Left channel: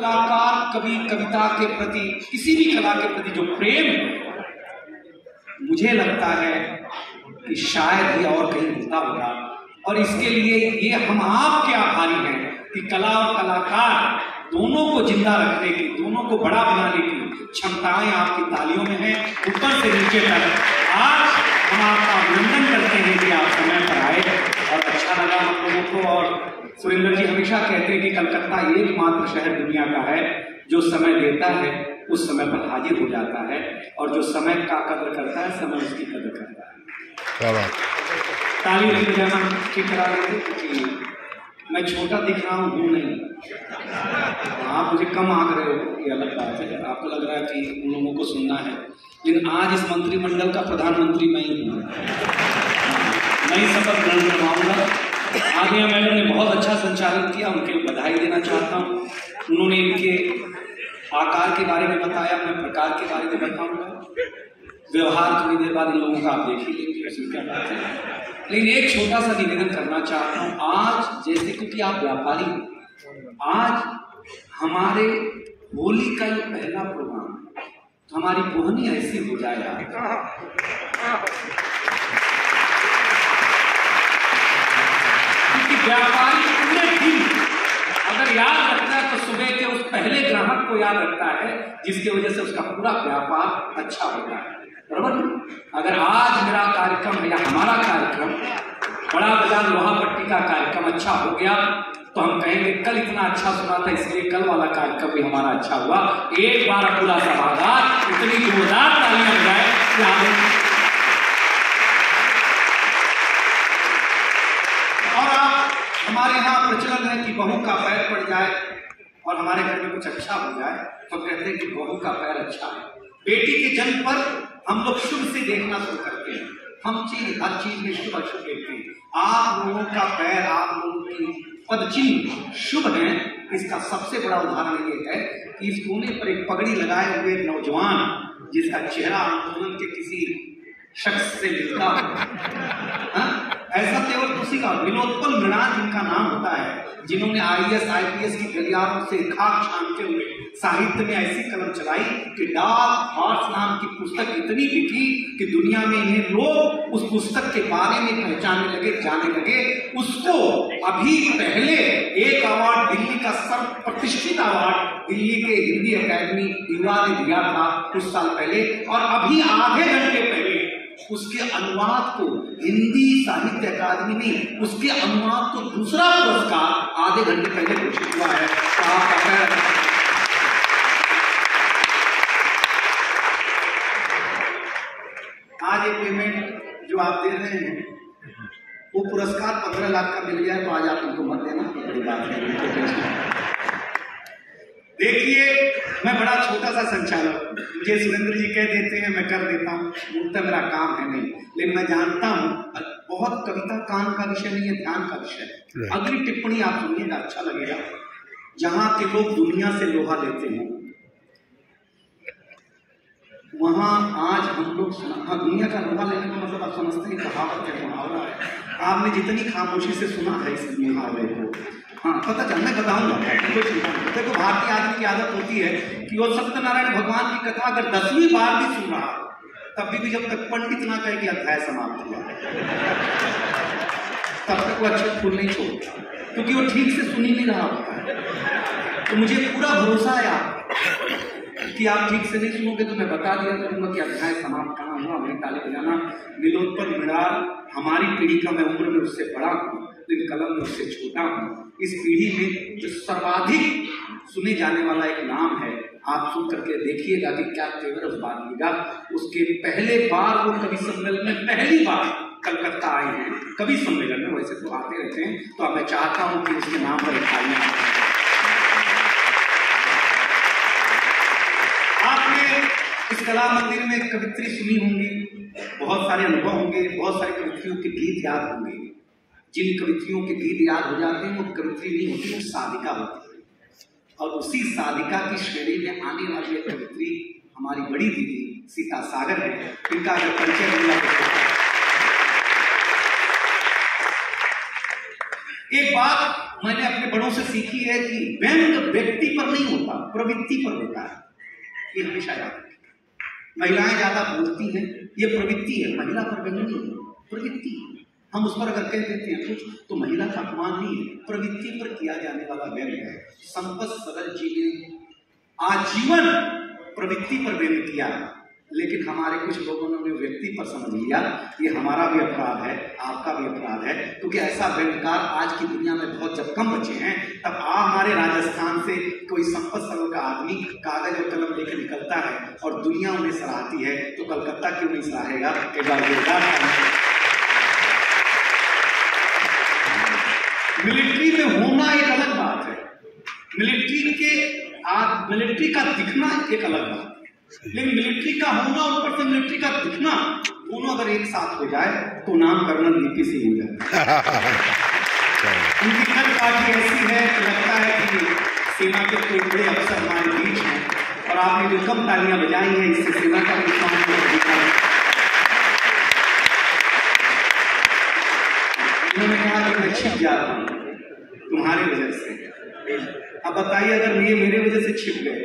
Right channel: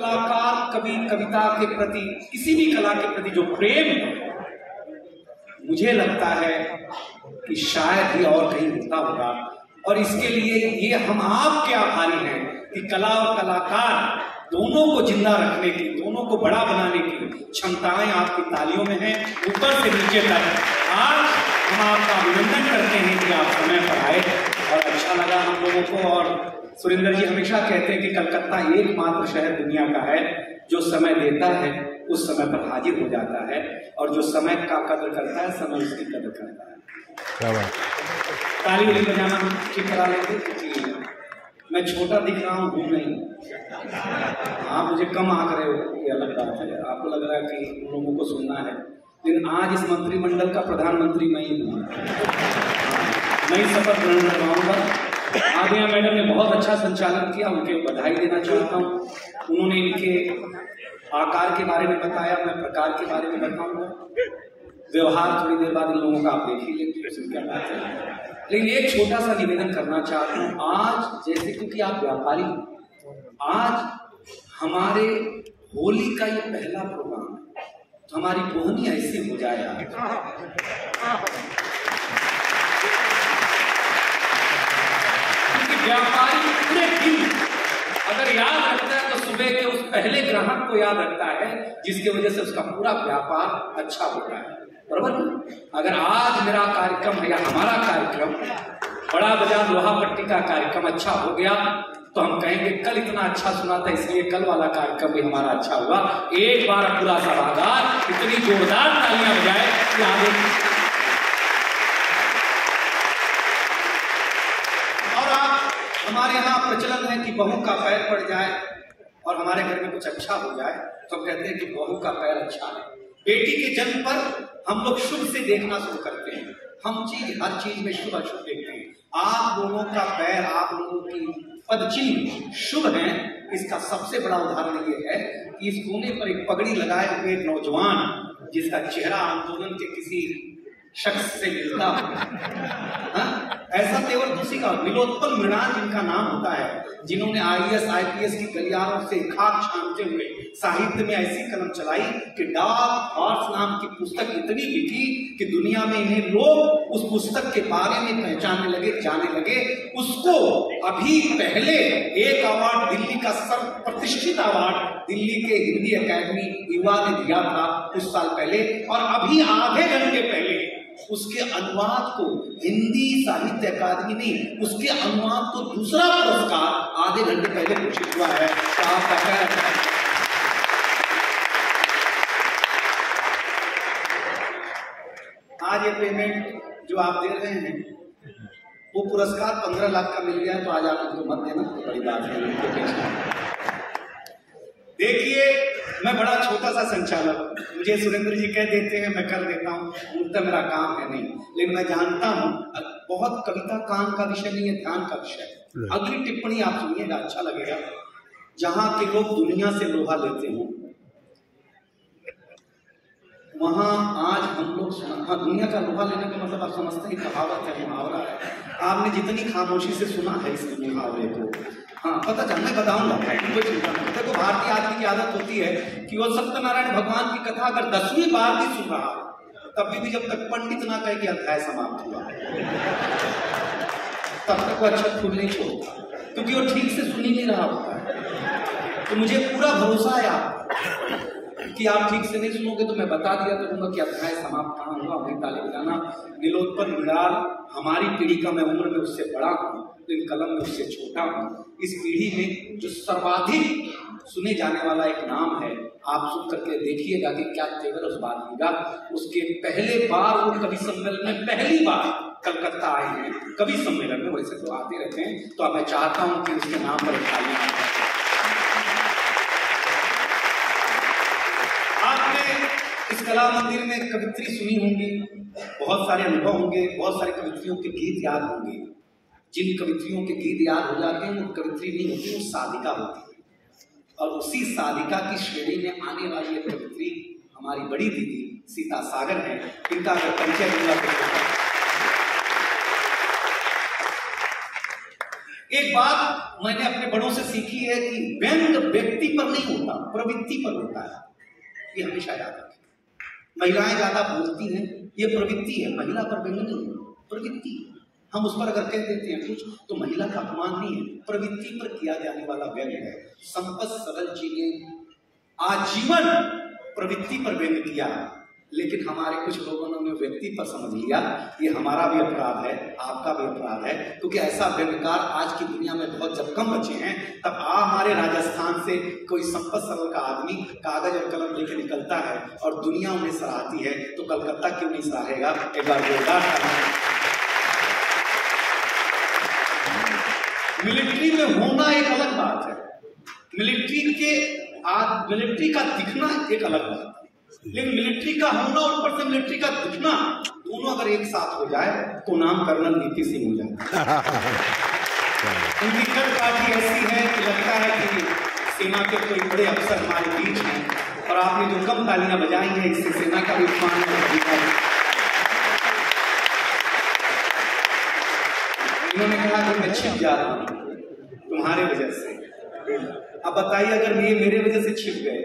कलाकार कवि कविता के प्रति, किसी भी कला के प्रति जो प्रेम है, मुझे लगता है कि शायद ही और कहीं होता होगा। और इसके लिए ये हम आपके आभारी हैं कि कला और कलाकार दोनों को जिंदा रखने की, दोनों को बड़ा बनाने की क्षमताएं आपकी तालियों में हैं, ऊपर से नीचे तक। आज हम आपका अभिनंदन करते हैं कि आप समय पर आए और अच्छा लगा हम लोगों को। और सुरेंद्र जी हमेशा कहते हैं कि कलकत्ता एकमात्र शहर दुनिया का है जो समय देता है उस समय पर हाजिर हो जाता है, और जो समय का कदर करता है समय उसकी कदर करता है। क्या बात। ताली बजाना ठीक करा लेते क्योंकि मैं छोटा दिख रहा हूँ नहीं, आप मुझे कम आंक रहे हो ये अलग बात है, आपको लग रहा है कि उन लोगों को सुनना है, लेकिन आज इस मंत्रिमंडल का प्रधानमंत्री मैं ही हूँ। मैं ही शपथ ग्रहण करवाऊंगा। आदिया मैडम ने बहुत अच्छा संचालन किया, उनके बधाई देना चाहता हूँ। उन्होंने इनके आकार के बारे में बताया, मैं प्रकार के बारे में बताऊंगा। व्यवहार थोड़ी देर बाद इन लोगों का आप देख ही लेंगे, उसमें क्या बात है। लेकिन एक छोटा सा निवेदन करना चाहता हूँ। आज जैसे क्योंकि आप व्यापारी, आज हमारे होली का ये पहला प्रोग्राम है, तो हमारी बोहनी ऐसी हो जाए क्योंकि व्यापारी पूरे दिन अगर याद रखता है तो सुबह के उस पहले ग्राहक को याद रखता है जिसकी वजह से उसका पूरा व्यापार अच्छा होता है, बराबर। अगर आज मेरा कार्यक्रम है या हमारा कार्यक्रम बड़ा बाजार लोहा पट्टी का कार्यक्रम अच्छा हो गया तो हम कहेंगे कल इतना अच्छा सुना था इसलिए कल वाला कार्यक्रम भी हमारा अच्छा हुआ। एक बार पूरा सभागार इतनी जोरदार तालियां बजाए कि आगे। और आप हमारे यहाँ प्रचलन है कि बहू का पैर पड़ जाए और हमारे घर में कुछ अच्छा हो जाए तो कहते हैं कि बहू का पैर अच्छा है। बेटी के जन्म पर हम लोग शुभ से देखना शुरू करते हैं, हम हर चीज में शुभ अशुभ देखते हैं। आप लोगों का पैर, आप लोगों की पदचिन्ह शुभ है। इसका सबसे बड़ा उदाहरण ये है कि इस कोने पर एक पगड़ी लगाए हुए नौजवान जिसका चेहरा आंदोलन के किसी शख्स से मिलता हो, ऐसा केवल दूसरी का विनोदपल मृणाल जिनका नाम होता है, जिन्होंने IAS IPS की गलियारों से खाक छानते हुए साहित्य में ऐसी कलम चलाई कि डार्क हॉर्स नाम की पुस्तक इतनी बिकी कि दुनिया में इन्हें लोग उस पुस्तक के बारे में पहचानने लगे, जाने लगे। उसको अभी पहले एक अवार्ड, दिल्ली का सर्व प्रतिष्ठित अवार्ड दिल्ली के हिंदी अकादमी युवा ने दिया था कुछ साल पहले, और अभी आधे घंटे पहले उसके अनुवाद को हिंदी साहित्य अकादमी ने उसके अनुवाद को दूसरा पुरस्कार आधे घंटे पहले घोषित हुआ है। तो आपका आज ये पेमेंट जो आप दे रहे हैं वो पुरस्कार 15 लाख का मिल गया तो आज आप उनको मत देना, बड़ी बात है। देखिए मैं बड़ा छोटा सा संचालक, मुझे सुरेंद्र जी कह देते हैं मैं कर देता हूँ, उनका मेरा काम है नहीं, लेकिन मैं जानता हूँ बहुत कविता काम का विषय नहीं है, ध्यान का विषय है। अगली टिप्पणी आप सुनिएगा, अच्छा लगेगा। जहाँ के लोग दुनिया से लोहा लेते हैं वहाँ आज हम लोग दुनिया का लोहा लेने का मतलब आप समझते हैं, कहावत है, मुहावरा है। आपने जितनी खामोशी से सुना है इस मुहावरे को, हाँ पता चल, मैं बताऊंगा। देखो भारतीय आदमी की आदत होती है कि वो सत्यनारायण भगवान की कथा अगर 10वीं बार भी सुन रहा तब भी जब तक पंडित ना कहे कि अध्याय समाप्त हुआ तब तक वो अक्षर फूल नहीं छोड़ता, क्योंकि वो ठीक से सुन ही नहीं रहा होता है। तो मुझे पूरा भरोसा है कि आप ठीक से नहीं सुनोगे तो मैं बता दिया करूंगा कि अध्याय समाप्त कहाँ हुआ। मैं ताली बजाना नीलोत्पल मृणाल हमारी पीढ़ी का, मैं उम्र में उससे बड़ा हूँ लेकिन कलम में उससे छोटा हूँ। इस पीढ़ी में जो सर्वाधिक सुने जाने वाला एक नाम है, आप सुन करके देखिएगा कि क्या तेवर उस बात कीगा। उसके पहले बार वो कवि सम्मेलन में पहली बार कलकत्ता आए हैं, कवि सम्मेलन में, वैसे तो आते रहते हैं, तो अब मैं चाहता हूँ कि उसके नाम पर तालियां आपने इस कला मंदिर में कवित्री सुनी होंगी, बहुत सारे अनुभव होंगे, बहुत सारे कवित्रियों के गीत याद होंगे। जिन कवित्रियों के गीत याद हो जाते हैं वो कवित्री नहीं होती, वो साधिका होती है। और उसी साधिका की श्रेणी में आने वाली एक कवित्री हमारी बड़ी दीदी सीता सागर है, इनका अगर परिचय मिला एक बात मैंने अपने बड़ों से सीखी है कि व्यंग व्यक्ति पर नहीं होता, प्रवृत्ति पर होता है। ये हमेशा याद रखें। महिलाएं ज्यादा बोलती हैं, ये प्रवृत्ति है, महिला पर व्यंग नहीं है, प्रवृत्ति। हम उस पर अगर कह देते हैं कुछ तो महिला का अपमान नहीं है, प्रवृत्ति पर किया जाने वाला व्यंग है। संपत सरल जी ने आजीवन प्रवृत्ति पर व्यंग किया, लेकिन हमारे कुछ लोगों ने व्यक्ति पर समझ लिया। ये हमारा भी अपराध है, आपका भी अपराध है, क्योंकि ऐसा व्यंगकार आज की दुनिया में बहुत जब कम बचे हैं। तब हमारे राजस्थान से कोई संपत सरल का आदमी कागज और कलम लेकर निकलता है और दुनिया उन्हें सराहती है, तो कलकत्ता क्यों नहीं सराहेगा? एक बार जोरदार। मिलिट्री में होना एक अलग बात है, मिलिट्री का दिखना एक अलग बात है, लेकिन मिलिट्री का होना और ऊपर से मिलिट्री का दिखना, दोनों अगर एक साथ हो जाए तो नाम कर्नल वीपी सिंह हो जाए। उनकी कद काफी ऐसी है कि लगता है कि सेना के कोई बड़े अफसर हमारे बीच हैं, और आपने जो कम तालियां बजाई हैं इससे सेना का भी सम्मान। उन्होंने कहा कि मैं छिप जा रहा हूं तुम्हारी वजह से। अब बताइए, अगर ये मेरे वजह से छिप गए,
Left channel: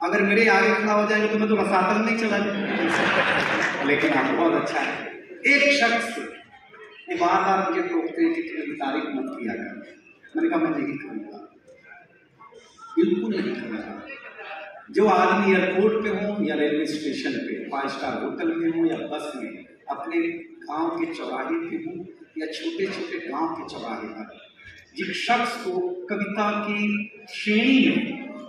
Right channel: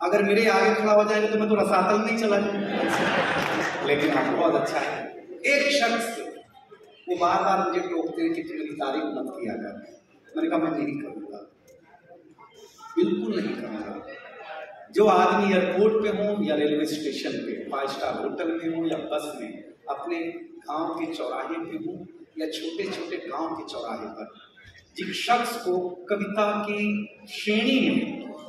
अगर मेरे आगे खड़ा हो जाएंगे तो मैं तो रसातल नहीं चला जाऊंगा। लेकिन आप बहुत अच्छा है। एक शख्स वो बार बार मुझे टोकते हैं कि तुम्हें तारीफ मत किया कर। मैंने कहा मैं नहीं करूंगा, बिल्कुल नहीं करूंगा। जो आदमी एयरपोर्ट पे हो या रेलवे स्टेशन पे, 5 स्टार होटल में हो या बस में, अपने गांव के चौराहे पे हो या छोटे छोटे गांव के चौराहे पर, जिस शख्स को कविता की श्रेणी में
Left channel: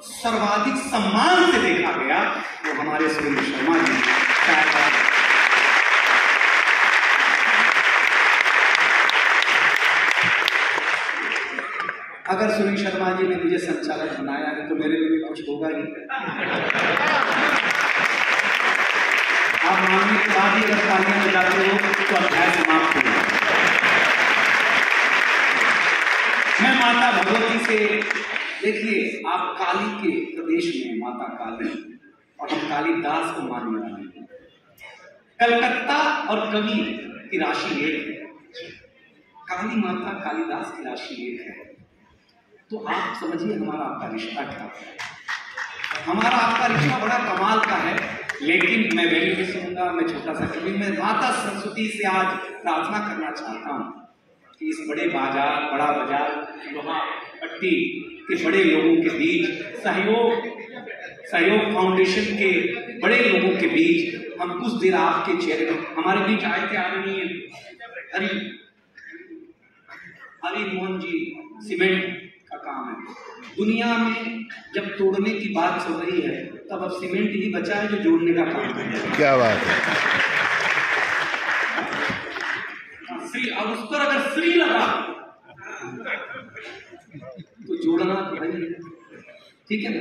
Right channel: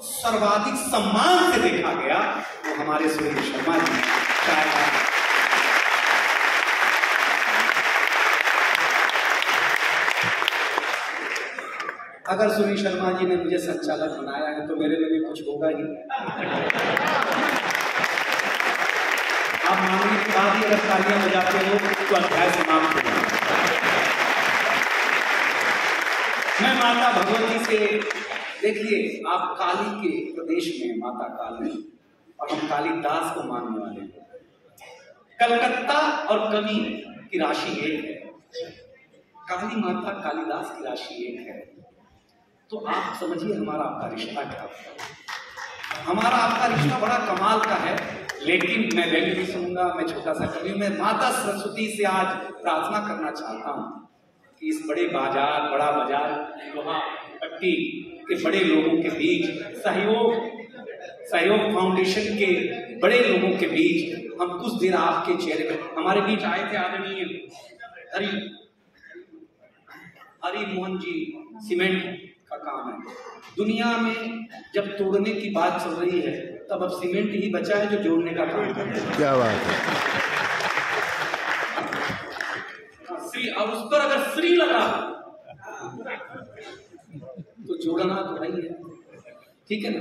सर्वाधिक सम्मान से देखा गया वो हमारे सुरेंद्र शर्मा जी। अगर सुरेंद्र शर्मा जी ने मुझे संचालक बनाया है तो मेरे लिए भी कुछ होगा ही। आप मानने के बाद ही अगर तालियां बजाते हो तो अध्याय समाप्त होगा। मैं माता भगवती से, देखिए आप काली के प्रदेश में माता काली, और हम कालिदास को मानने वाले हैं। कलकत्ता और कवि की राशि एक है, काली माता कालिदास की राशि एक है। तो आप समझिए हमारा आपका रिश्ता क्या है। हमारा आपका रिश्ता बड़ा कमाल का है। लेकिन मैं वैल्यू भी सुनूंगा, मैं छोटा सा कवि, मैं माता सरस्वती से आज प्रार्थना करना चाहता हूँ कि इस बड़े बाजार, बड़ा बाजार लोहा पट्टी के बड़े लोगों के बीच, सहयोग फाउंडेशन के बड़े लोगों के बीच हम कुछ देर आपके चेहरे पर, हमारे बीच आए थे आदरणीय हरि मोहन जी। सीमेंट का काम है दुनिया में, जब तोड़ने की बात चल रही है तब अब सीमेंट ही बचा है जो जोड़ने का काम करता है। क्या बात है। श्री, अब उस पर अगर श्री लगा तो जोड़ना तो नहीं है, ठीक है ना।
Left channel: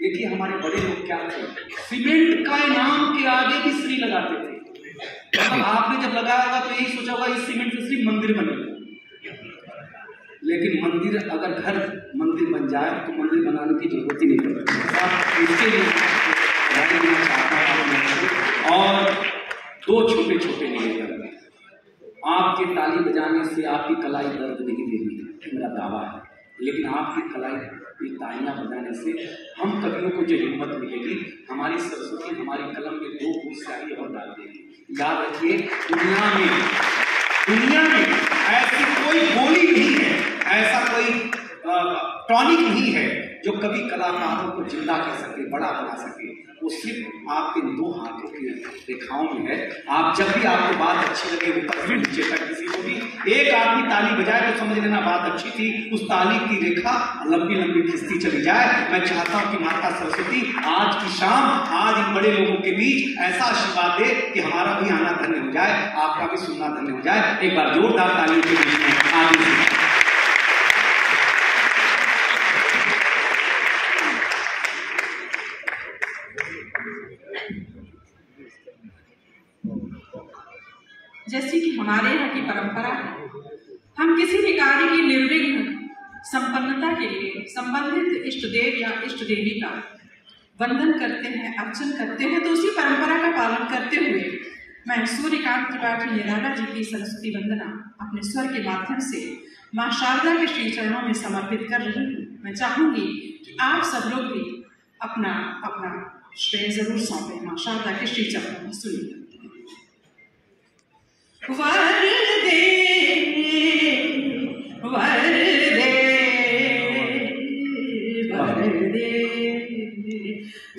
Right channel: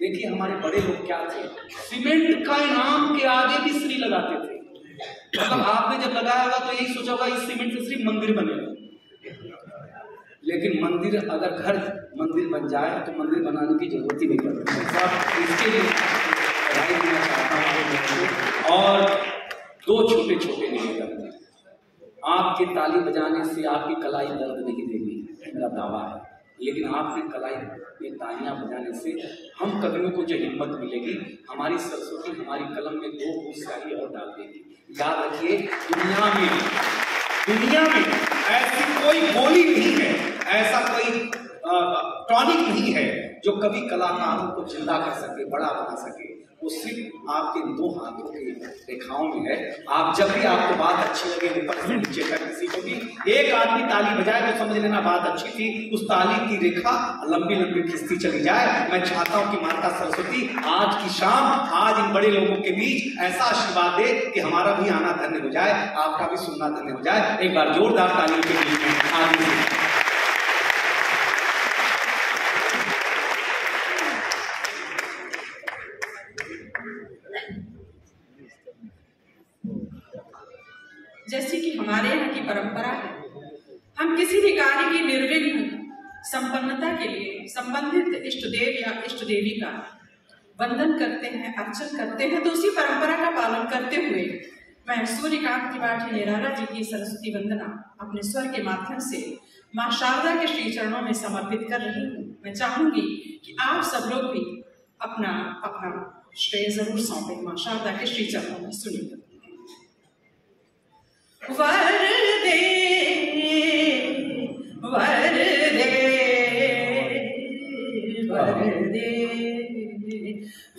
देखिए हमारे बड़े लोग क्या थे, सीमेंट का इनाम के आगे भी श्री लगाते थे। मतलब आपने जब लगाया होगा तो यही सोचा होगा इस सीमेंट से श्री मंदिर बनेगा। लेकिन मंदिर, अगर घर मंदिर बन जाए तो मंदिर बनाने की जरूरत ही नहीं पड़ती। इसके लिए राय देना चाहता हूं और 2 छोटे छोटे निवेदन। आपके ताली बजाने से आपकी कलाई दर्द नहीं देगी, मेरा दावा है, लेकिन आपकी कलाई में तालियां बजाने से हम कवियों को जो हिम्मत मिलेगी, हमारी सरस्वती हमारी कलम में 2 बूंद स्याही और डाल देगी। याद रखिए, दुनिया में ऐसी कोई बोली नहीं है, ऐसा कोई टॉनिक नहीं है जो कभी कलाकारों को जिंदा कर सके, बड़ा बना सके। वो सिर्फ आपके 2 हाथों की रेखाओं में है। आप जब भी आपको बात अच्छी लगे, ऊपर से नीचे तक किसी को भी एक आदमी ताली बजाए तो समझ लेना बात अच्छी थी। उस ताली की रेखा लंबी लंबी खिंचती चली जाए। मैं चाहता हूं कि माता सरस्वती आज की शाम, आज इन बड़े लोगों के बीच ऐसा आशीर्वाद दे कि हमारा भी आना धन्य हो जाए, आपका भी सुनना धन्य हो जाए। एक बार जोरदार तालियों के बीच में आगे। जैसी कि हमारे यहाँ की परंपरा है, हम किसी भी कार्य की निर्विघ्न संपन्नता के लिए संबंधित इष्ट देव या इष्ट देवी का वंदन करते हैं, अर्चन करते हैं। तो उसी परंपरा का पालन करते हुए मैं सूर्यकांत त्रिपाठी निराला जी की सरस्वती वंदना अपने स्वर के माध्यम से माँ शारदा के श्री चरणों में समर्पित कर रही हूँ। मैं चाहूंगी कि आप सब लोग भी अपना अपना श्रेय जरूर सौंपे माँ शारदा के श्री चरणों में। सुनिए। वरदे वरदे वरदे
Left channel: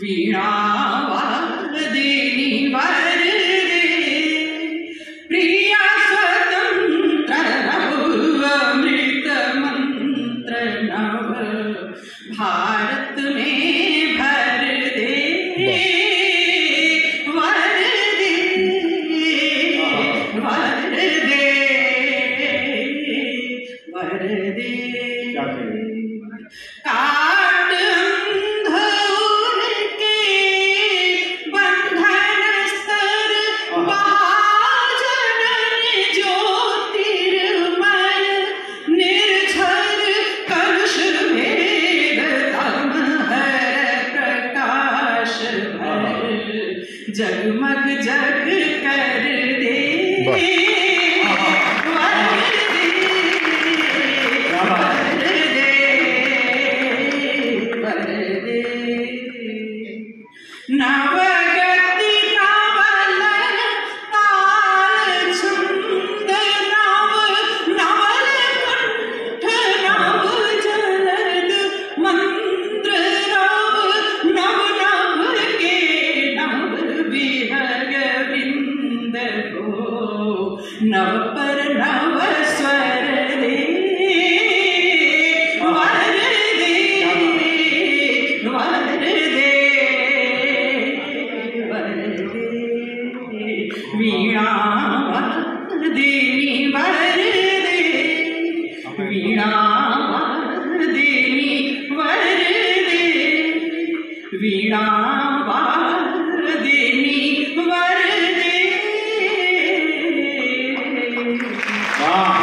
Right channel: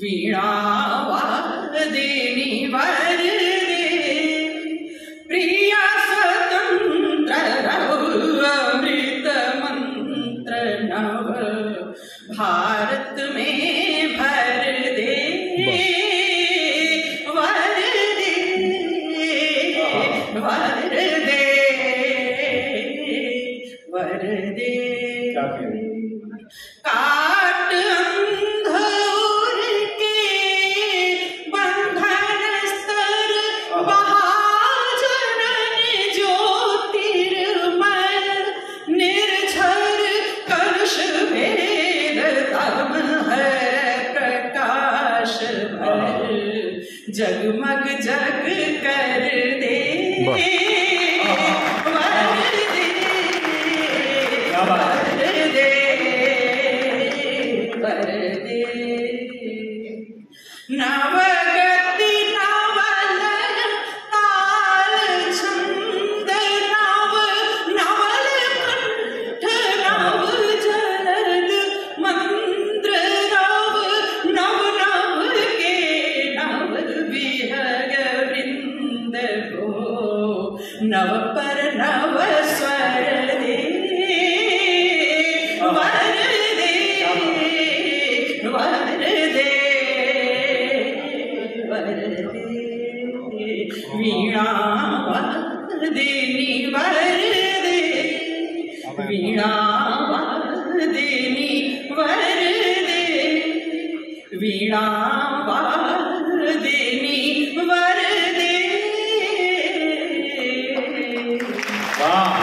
वीणा वादिनी वरदे प्रिया स्वतंत्र अमृत मंत्र नव भारत में भर दे वरदे वरदे वरदे काट अंधोर के बंधन स्तर महाजनन ज्योतिर्मय निर्झर कलुष भेद तम हर प्रकाश भर जगमग जग कर दे नवगति नवलन ताल छंद नव नवल कंठ नव जलद मंत्र रव नव नव के नव विहग वृंद को नव पर नव स्वर दे वरदे वरदे वीणा वादिनी वरदे वीणा वादिनी वरदे वीणा वादिनी वरदे। वाह।